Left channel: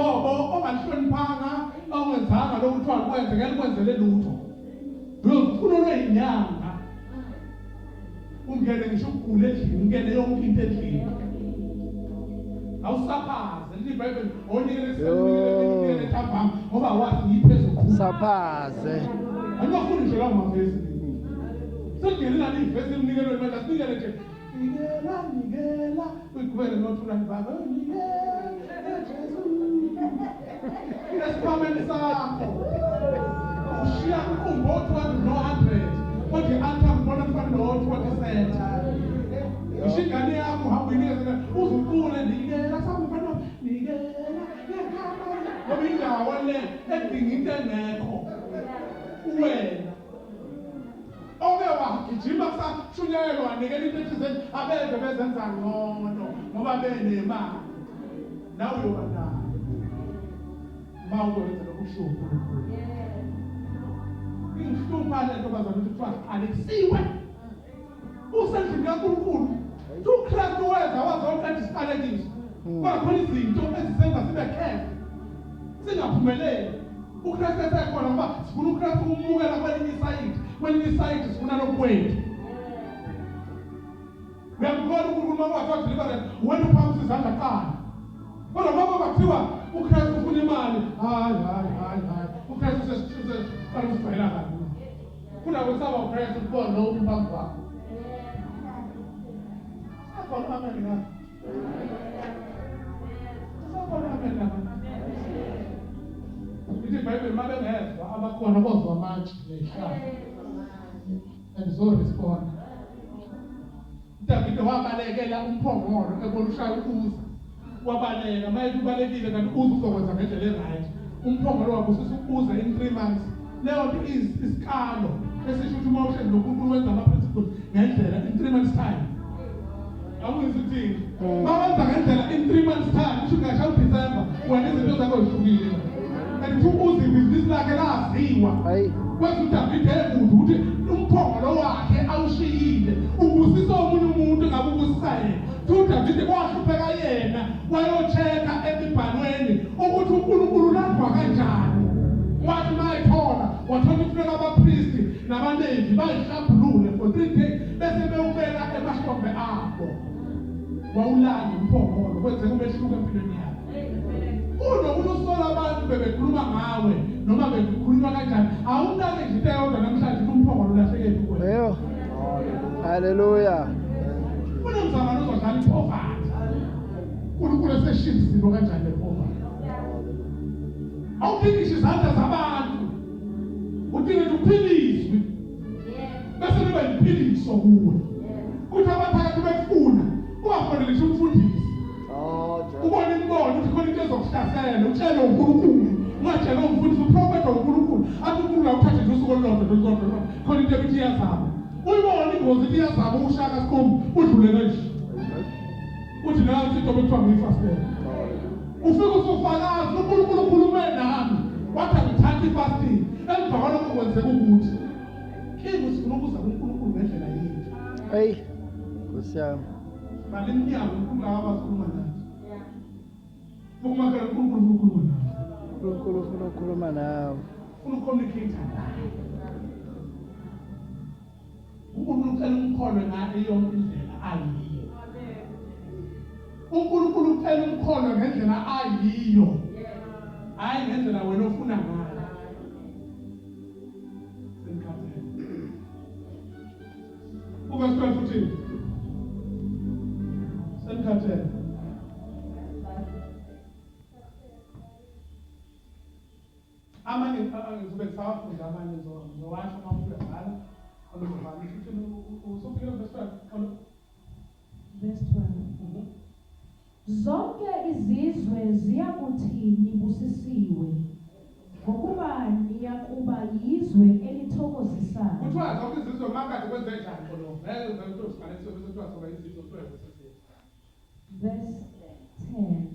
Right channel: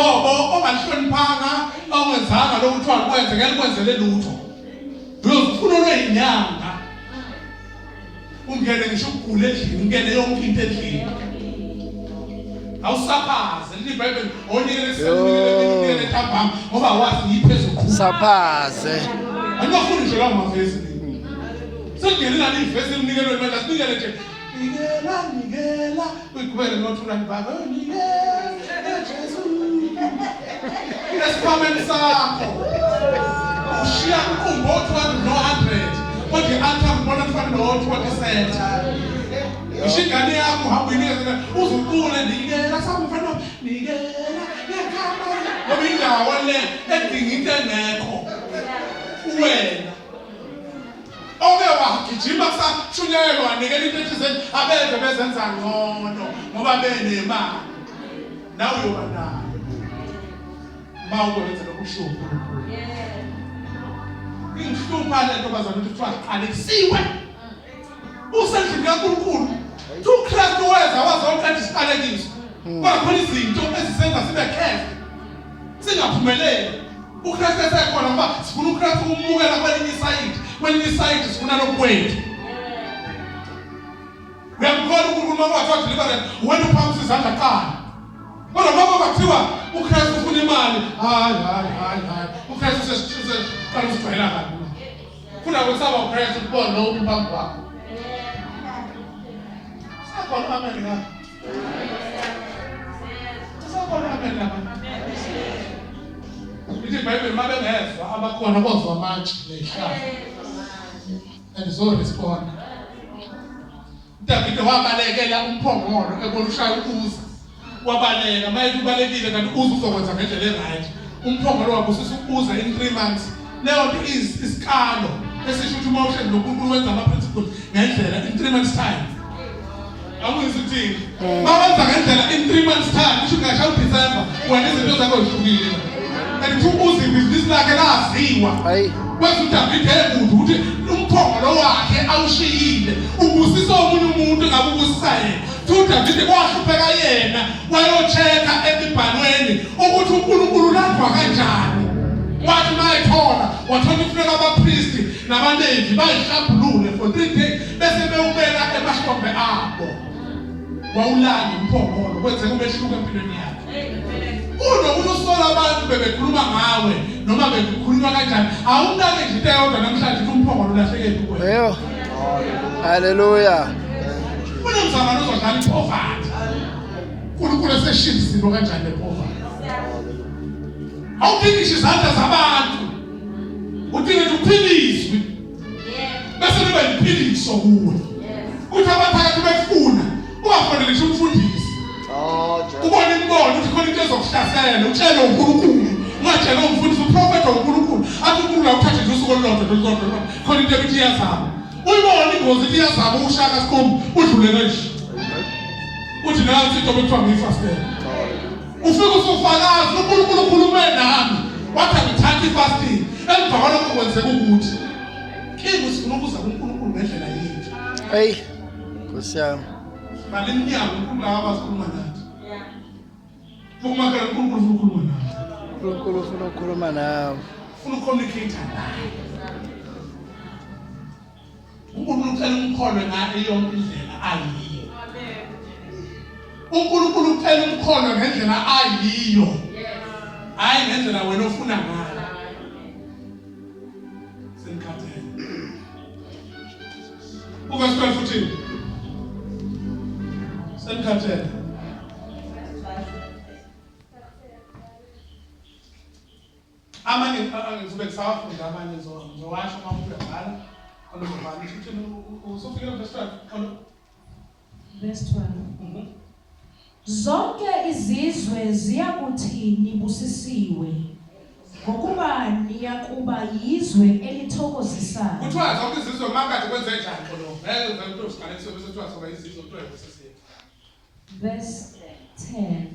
Ngoba ongahloniphanga ongenzanga lokuthiwa kwenze ngeke kwenzele lutho. Uyofuna olweyinyanga. Ungene ngisho ukugula endlini, ungene yonke into endlini. Awusaphaze iBhayibheli onikele senikele ntambama ngoba wazi yiphezulu. Saphaze. Angafuni nje lawo mavesi. Sengene la ivesi nikelwe manje sinikele nje. Nikela uyigwele nothula ibaba nikela Jesu. Esiphambeni sakho. Ushiya umbothi wa 100. Kodwa i-altar mbona kufanele no 20%. Ishingane yakho hamba inikeza uzuqule nikela samfana nikela yakhamba. Ngoba indawo le edinga into engekho. Wena Oke wagijima kusashunyelwa nikela into ethizeni abeze bezenza ngcono ngoba benemali. Nawe uyoba nayo. Mawukwenza lokuhlupha. Inhlupha le ntombazana kuthiwa Alexiwe. Usendlini kaNkulunkulu. uKristu weza wazoqeda isiqalekiso. Kodwa khona izinto ezisenza sibe khefe. Singaphumeleli. uKristu esekhona ngoba sifuna uKristu ukumukela kwelinye isayidi. Kwelinye isayidi sifuna lokwethu. Uyamkhona uNkulunkulu wathi deliverance wena uphamisa izandla qala. Kodwa ngoba bathiwa uKristu ufuna imali. Hayi. uKristu sesiqala usijwayela kabi. Funa kwesaba uKristu kubona lo umphambi wakho. Sakho amen la. Sakho amen la. iBhayibheli mabengezwa abakhona bozwa manje lehlala. Andizorespond. David wabalekela umphongolo ekushaya uza. Wabaleka maye kubalekile kanti uza uzokwenza ngendlela eright. Umphongolo wakho usukuza in 3 months. Leyo nto isikalo esisho ukuthi motion nokuNkulunkulu wenza ama principles ngendlela in 3 months time. Awuyizithi mawenza ngendlela in 3 months time kusho ngashaya uDecember wena izinto zakho zihlukile. Kanti ubuze ibhizinisi lakhe laziwa. Kwenza uDavid ebude ukuthi umphongolo wakhe awushiyile ubusisa omunye umuntu ngabe ubusisa yena. uDavid kwahlupheka yena wayocheka emibhalweni ukuthi uNkulunkulu ulandwa kanjani. Wathi mayithola wathola ifuneka abapristi nabaLevi bayihlambulule for 3 days bese bewubeka emahlombe abo. Wawulanda umphongolo kwenze umehluko empilweni yakhe. Unomuntu usola abantu bebekhuluma ngawe noma bekhulunywa kanjani awunake nje into eyodwa namhlanje umphongolo ulahlekele kuwe. Yebo. Hallelujah. Kunomzamano ozodlala ipoverty. uNkulunkulu eseshiya izinto kanjani lepoverty. Awudingisha izandla zabantu. Udinga nje uphiliswe. Bese nibe liphiliso kuwe. Kuthi abaphakathi befuna ungafonele nje umfundisi. Ubone imbono ukuthi khona into ezokuhlasela utshele uNkulunkulu. Ungatshela umfundisi uprofeti uNkulunkulu. Athi uNkulunkulu awuthathe nje usuku olulodwa khona into ebithi iyazama. Uyibona ingozi ithi iyazama ushaka sikhombe udlulele nje. Uthi nansi into bekuthiwa ngiyifastela. Ufike usufakazi uNkulunkulu ukhulume nami. Wathi ngithatha ifasting. Emva kwalokho kwenzeka ukuthi kingu sifuna ukuza kuNkulunkulu ngendlela yethu. Hey. Kusiyami. Baliminyaka uNkulunkulu abazikhuluma nathi. Umakela uNkulunkulu ukhuluma nathi. uNkulunkulu ufuna ukukhuluma nawe. Ufuna ucommunicate nawe. uNkulunkulu ucela umkholwe ngayo yonke indlela ayiyo. uNkulunkulu ucela umkholwe ngendlela ayiyo. Hayi ngendlela wena ofuna ngayo. Senkhathele. Verse 12 futhi. Senkhathele. Amanye ngizobe ngisafunda amanye ngizowasho uma ubhala olubhala futhi usufika verse 12. Verse 12. Zonke izizwe ziyakuthini busisiwe ngokuba niyakuba yizwe elithokozisayo. Kuthiwa zonke izizwe makathi kwenze njani khona? Ngeke umuntu usiqalise bese kuthiwa zonke izizwe kuthiwa busisiwe. Verse 10.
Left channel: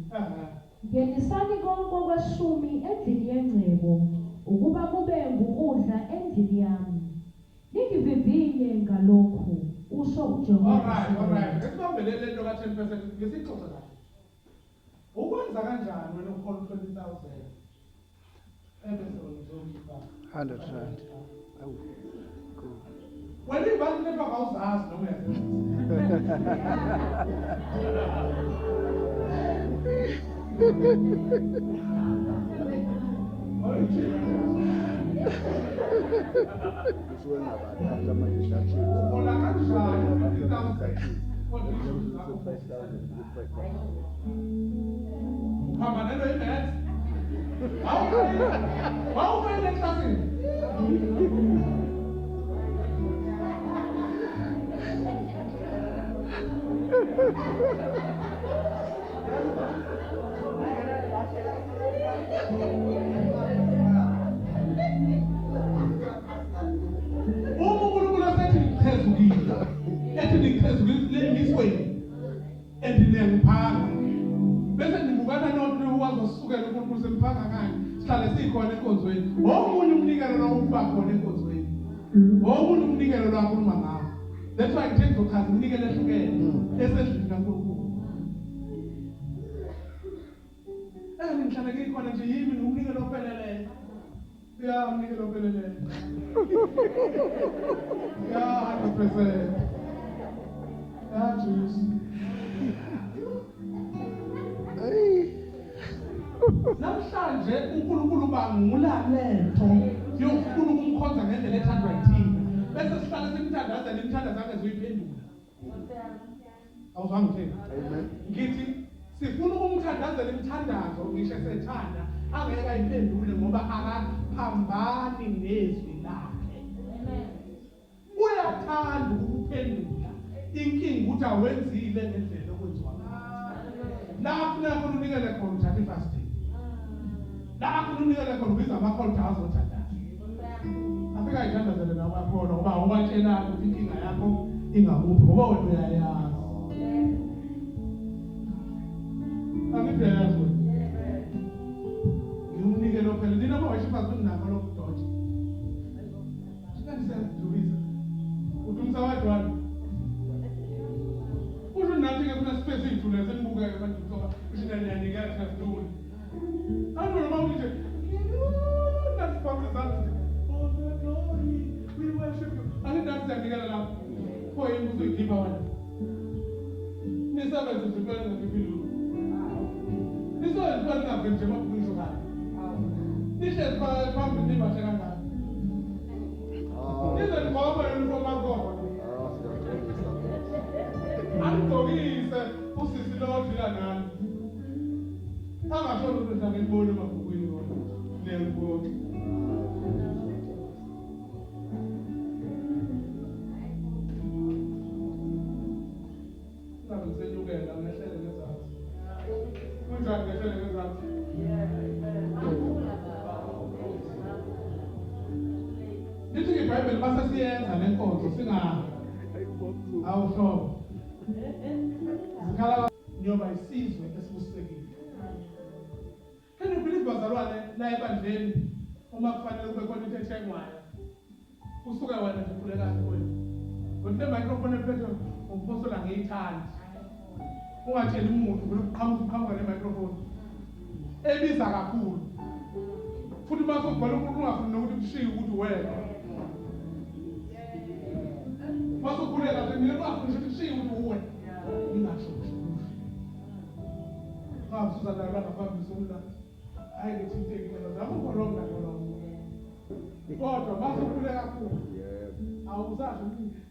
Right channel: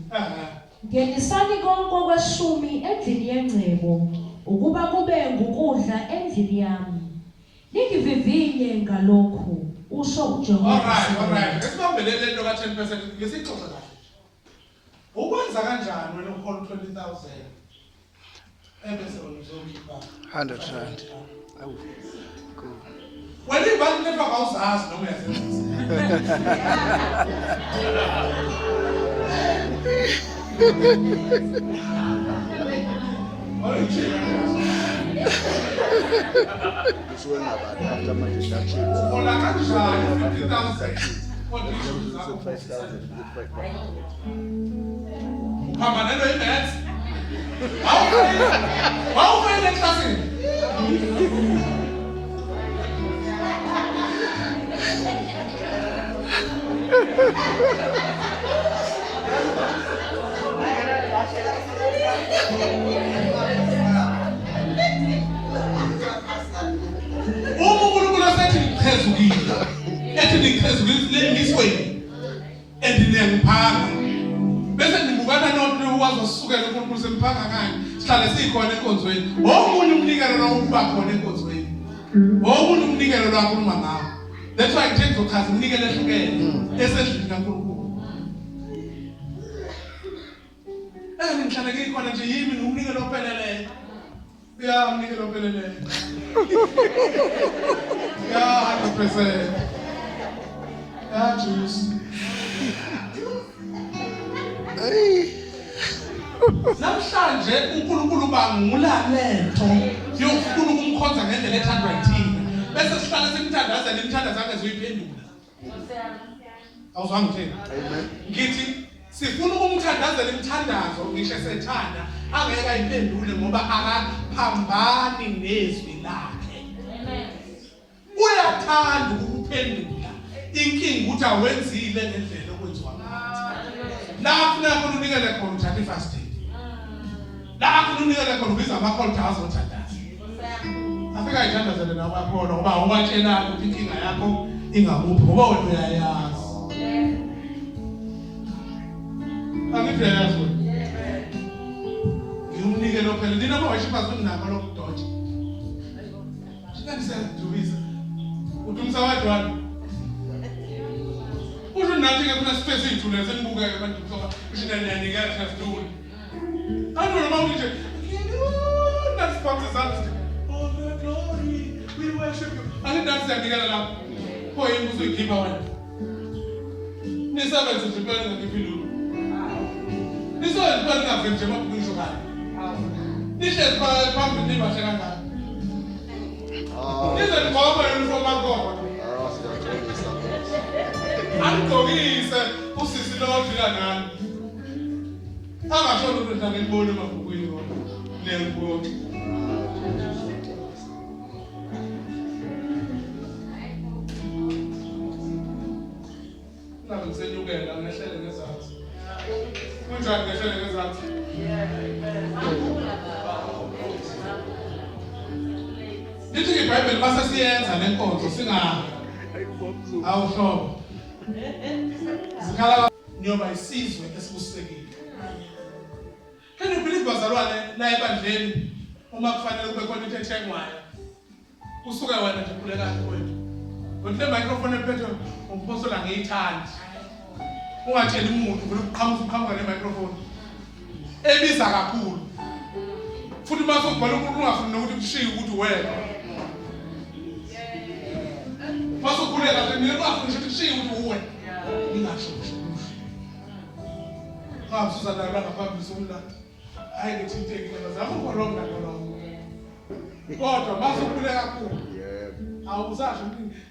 Ngenisani konke okweshumi endlini yengcebo ukuba kube ngukudla endlini yami. Ningivivinye ngalokhu usho uJehova. Alright. Esibambelele into ka 10% ngesixoxa kahle. Ukwenza kanjani wena uhola 20,000 ebese wena uzokhipha 100 rand. Awu. Cool. wena ibhanki network awuzazi noma uyazenzisa Usuke ngabantu after my deductions. Ona kanjani 50,000 hamba nento imaths awufayile eklasini uNkulunkulu asethi ngiphezukile ethi ngiphezukile ngisweni endinengiphanga bese ngibukana nomuntu wazosukela uNkulunkulu semphanga kanye sihlale sikhona enkonzweni omunye umnikelo lo ukuba khona enkonzweni omunye umnikelo lo akhuluma ngawo that's why ngithe ngizochaza umnikelo ehlukene esendlini kaNkulunkulu ngihlale ngikhona nje yimi nomnikelo opheleleyo ya umnikelo opheleleyo ya 100% ya Jesus namhlanje uNkulunkulu bangulaletho yokufuna ukumkhonza ngendlela ethandwa yithina bese sihlala simthandazela imthandazo yakhe zoyiphendula awuzange thina ngithi sifuna ukumthandazela imthandazo ngisho sethanda angeke ayiphendule ngoba akaphambani nezwi lakhe uyathanda ukuphendula inkingi ukuthi awenzile ngendlela okwenziwa ngayo lapho nakho unikele khona uthatha ifasting lapho unikele khona ubiza ama-altar azothandaza afika ayithandazele nabakhona ngoba uwatshelana ukuthi inkinga yakho ingakuphi ngoba wena uyayazi angithi uyayazi wena ngiwunikele phela nina mawashiphazi unakho lokudotsha sinandisenduvisa uthi umsawadi wami usho nathi-ke funa space iy'thule senibukeke abantu ushinaniyanikela sasitule antu noma uthi nasiphambe zami oh the glory we worship you angidathi siyanikela lapho pho yini uzoyikhipha wena nisebenze nje phela ngakiphi lulu nisebenze phela ngaveli nje mabhukusho kanye nihlezi phambili nibashe kangaka nize nigqoka uniform akhona angigqokise usisi lodlula nani angashona ukuthi ngibone emabhukwini nelibonke ngabe ngisenyukela ngehlele ngezansi kunjani ngehlele ngezansi lithi iBhayibheli basesiyenza lenkonzo awuhlobo zikhala nyoba isizwe esibusekile. Can you believe bazalwane la ebandleni uma kufanele kube khona into ethengwayo usuka wena nje khuleka kwethu ngoba le microphone ephethe umphosola ngeyithandi ungatsheli umuntu ukuthi uqhamuka ne microphone ebiza kakhulu futhi mase ubhala umuntu ungafuni ukuthi kushiye ukuthi wena mase ukhuleka nje mina ungafuni ukuthi kushiye ukuthi uwe ingasho Susana ngaphambi somlando hayi ngithinteke bazama ukolonga kolonga kodwa bazokhule kakhulu awuzasho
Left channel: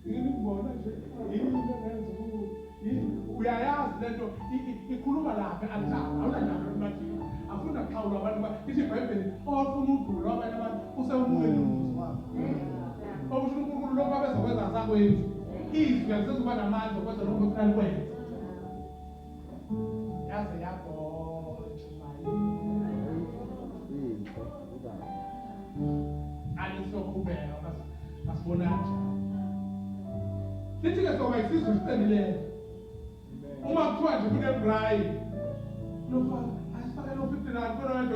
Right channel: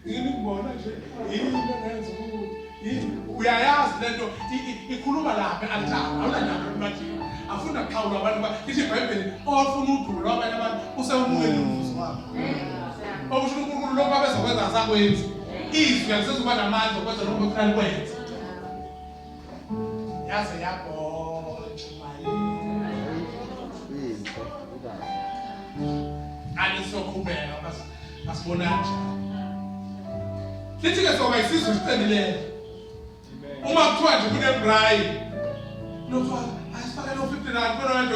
ngini ngibona nje yini engenza ukuthi uyayazi lento ikhuluma lapha altar awunandaba bathi afuna ukuxawula abantu bathi iBhayibheli ofuna udumo abanye abantu usewumukele umvuzo wakho okusho uNkulunkulu lokho abezokwenza sakwenza izwi alisezuba namandla okwenza lokho okufanele kwenze yaze yakho alisokhubeka basibona kanjani lithi-ke soba isizwe siqinileyo uma kuthiwa nje kunebrayi asifake no 50 rand kodwa manje